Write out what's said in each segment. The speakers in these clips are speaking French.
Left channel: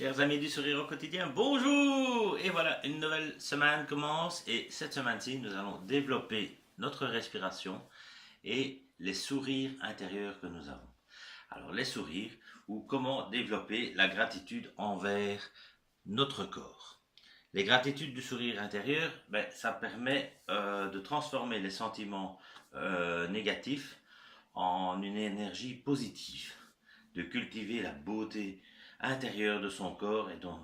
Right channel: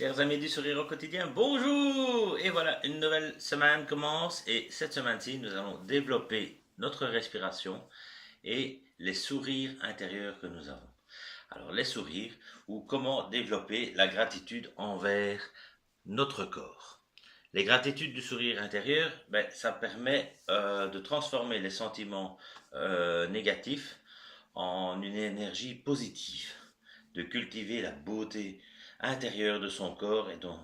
Chers amis du sourire au quotidien, bonjour! Et voilà, une nouvelle semaine commence et cette semaine-ci, nous allons développer notre respiration et les sourires intérieurs que nous avons. Alors, les sourires ou comment développer la gratitude envers notre corps. Les gratitudes du sourire intérieur, ça permet de transformer les sentiments négatifs en une énergie positive, de cultiver la beauté intérieure de son corps donc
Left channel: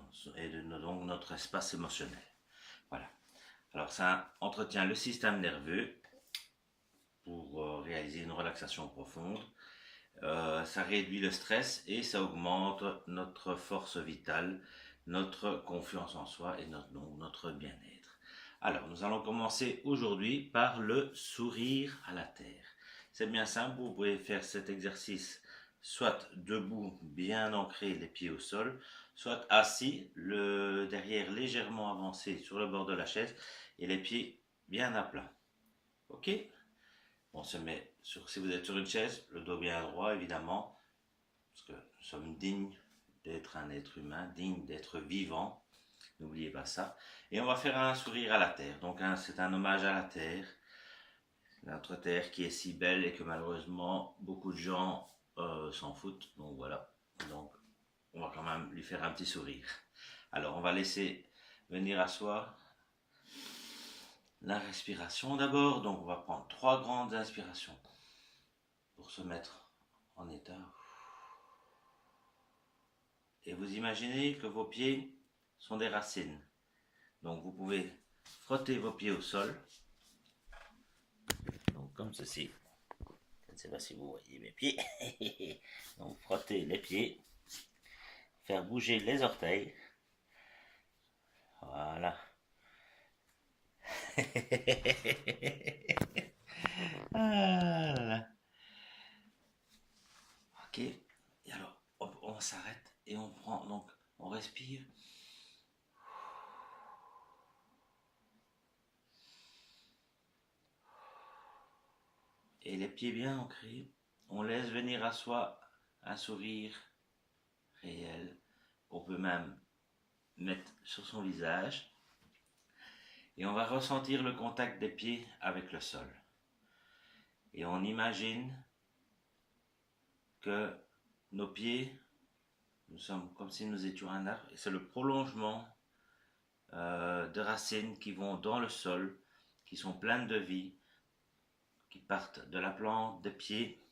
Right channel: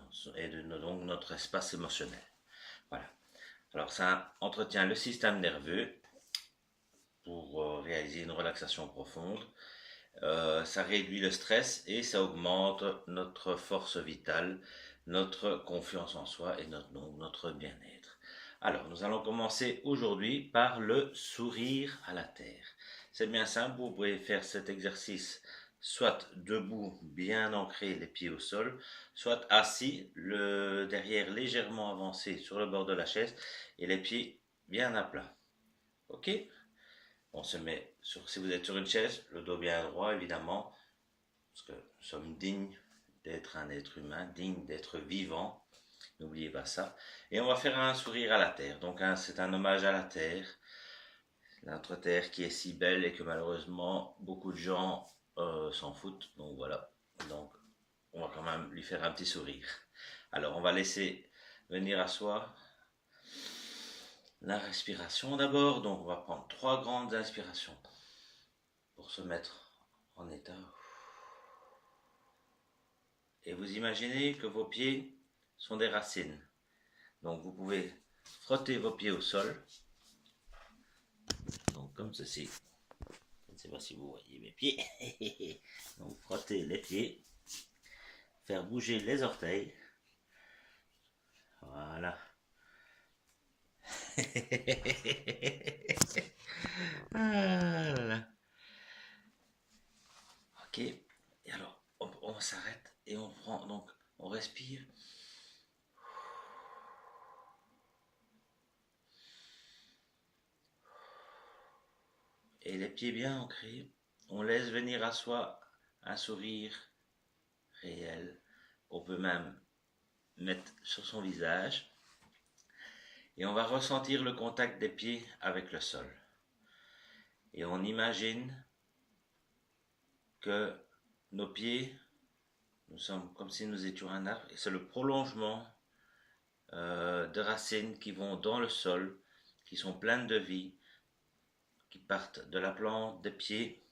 notre espace émotionnel. Voilà. Alors ça entretient le système nerveux pour réaliser une relaxation profonde. Ça réduit le stress et ça augmente notre force vitale, notre confiance en soi et notre bien-être. Alors, nous allons commencer aujourd'hui par le sourire à la terre. C'est bien simple, vous pouvez faire cet exercice soit debout, bien ancré, les pieds au sol, soit assis, le derrière légèrement avancé sur le bord de la chaise et les pieds bien à plat. Ok? On se met sur, si vous êtes sur une chaise, le dos bien droit évidemment, parce que nous sommes dignes d'être un être humain, dignes d'être vivant. N'oubliez pas ça. Et on va faire un sourire à la terre. Donc c'est un hommage à la terre, notre terre qui est si belle et que malheureusement beaucoup de gens s'en foutent. Donc voilà. Donc on va quand même lui faire un petit sourire. Alors on va laisser venir à soi la respiration d'abord. Donc on va prendre 3 grandes inspirations pour se mettre en état. Et vous imaginez que vos pieds sont des racines. Donc vous pouvez frotter vos pieds au sol. Donc comme ceci. Je ne sais pas si vous voyez mes pieds. Donc frotter les pieds. Faire bouger les orteils. Voilà. Ah là là. Ok. Et alors, on s'arrête et on prend, donc, on respire. Et les pieds bien ancrés. On laisse venir à soi un sourire réel. On peut même mettre sur son visage. Et on va ressentir le contact des pieds avec le sol. Et on imagine que nos pieds, nous sommes comme si nous étions un arbre, et c'est le prolongement de racines qui vont dans le sol, qui sont pleines de vie, qui partent de la plante des pieds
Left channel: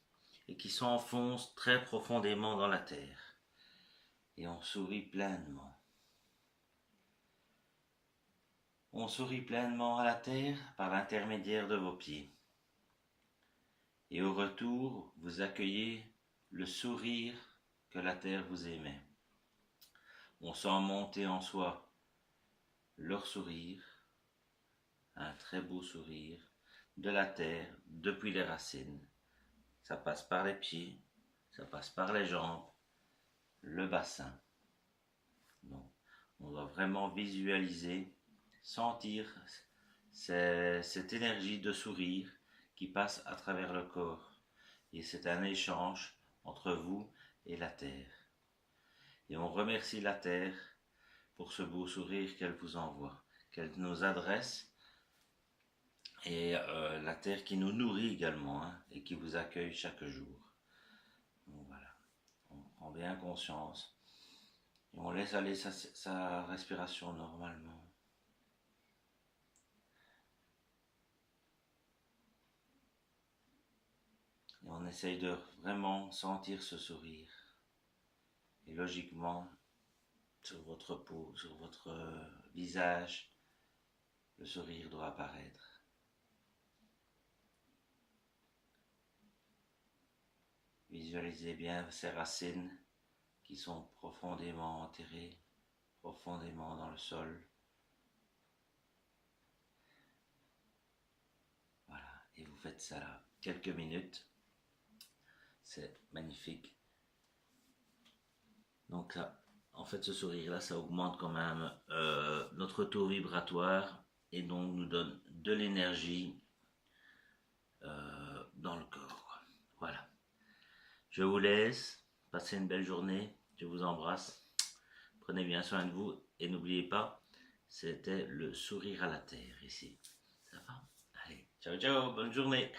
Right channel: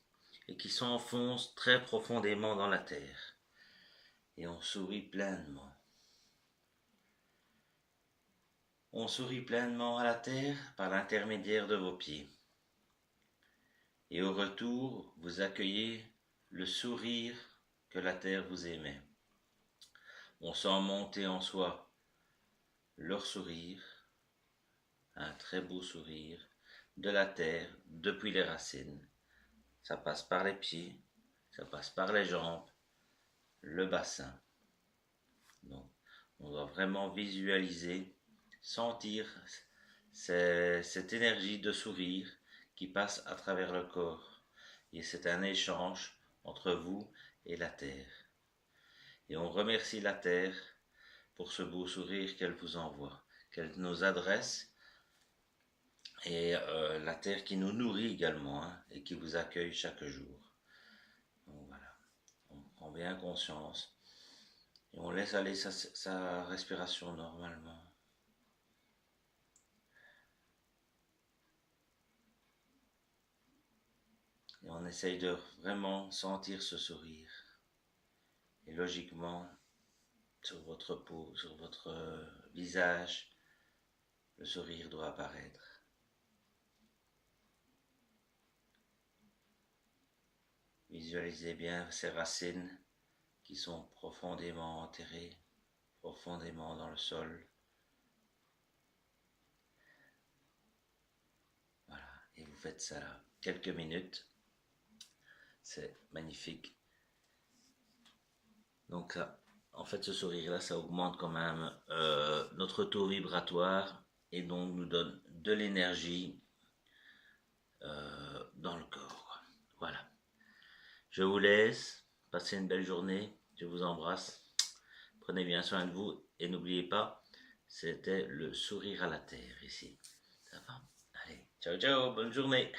et qui s'enfoncent très profondément dans la terre. Et on sourit pleinement. On sourit pleinement à la terre par l'intermédiaire de vos pieds. Et au retour, vous accueillez le sourire que la terre vous émet. On sent monter en soi leur sourire, un très beau sourire, de la terre depuis les racines. Ça passe par les pieds, ça passe par les jambes, le bassin. Donc, on doit vraiment visualiser, sentir cette énergie de sourire qui passe à travers le corps. Et c'est un échange entre vous et la terre. Et on remercie la terre pour ce beau sourire qu'elle vous envoie, qu'elle nous adresse, et la terre qui nous nourrit également, hein, et qui vous accueille chaque jour. Donc voilà, on prend bien conscience et on laisse aller sa respiration normalement. Et on essaye de vraiment sentir ce sourire. Et logiquement, sur votre peau, sur votre visage, le sourire doit apparaître. Visualisez bien ces racines qui sont profondément enterrées, profondément dans le sol. Voilà, et vous faites ça là, quelques minutes. C'est magnifique. Donc ça, en fait, ce sourire-là, ça augmente quand même notre taux vibratoire et donc nous donne de l'énergie dans le corps. Voilà. Je vous laisse. Passez une belle journée. Je vous embrasse. prenez bien soin de vous et n'oubliez pas, c'était le sourire à la terre ici. Ça va? Allez, ciao ciao, bonne journée.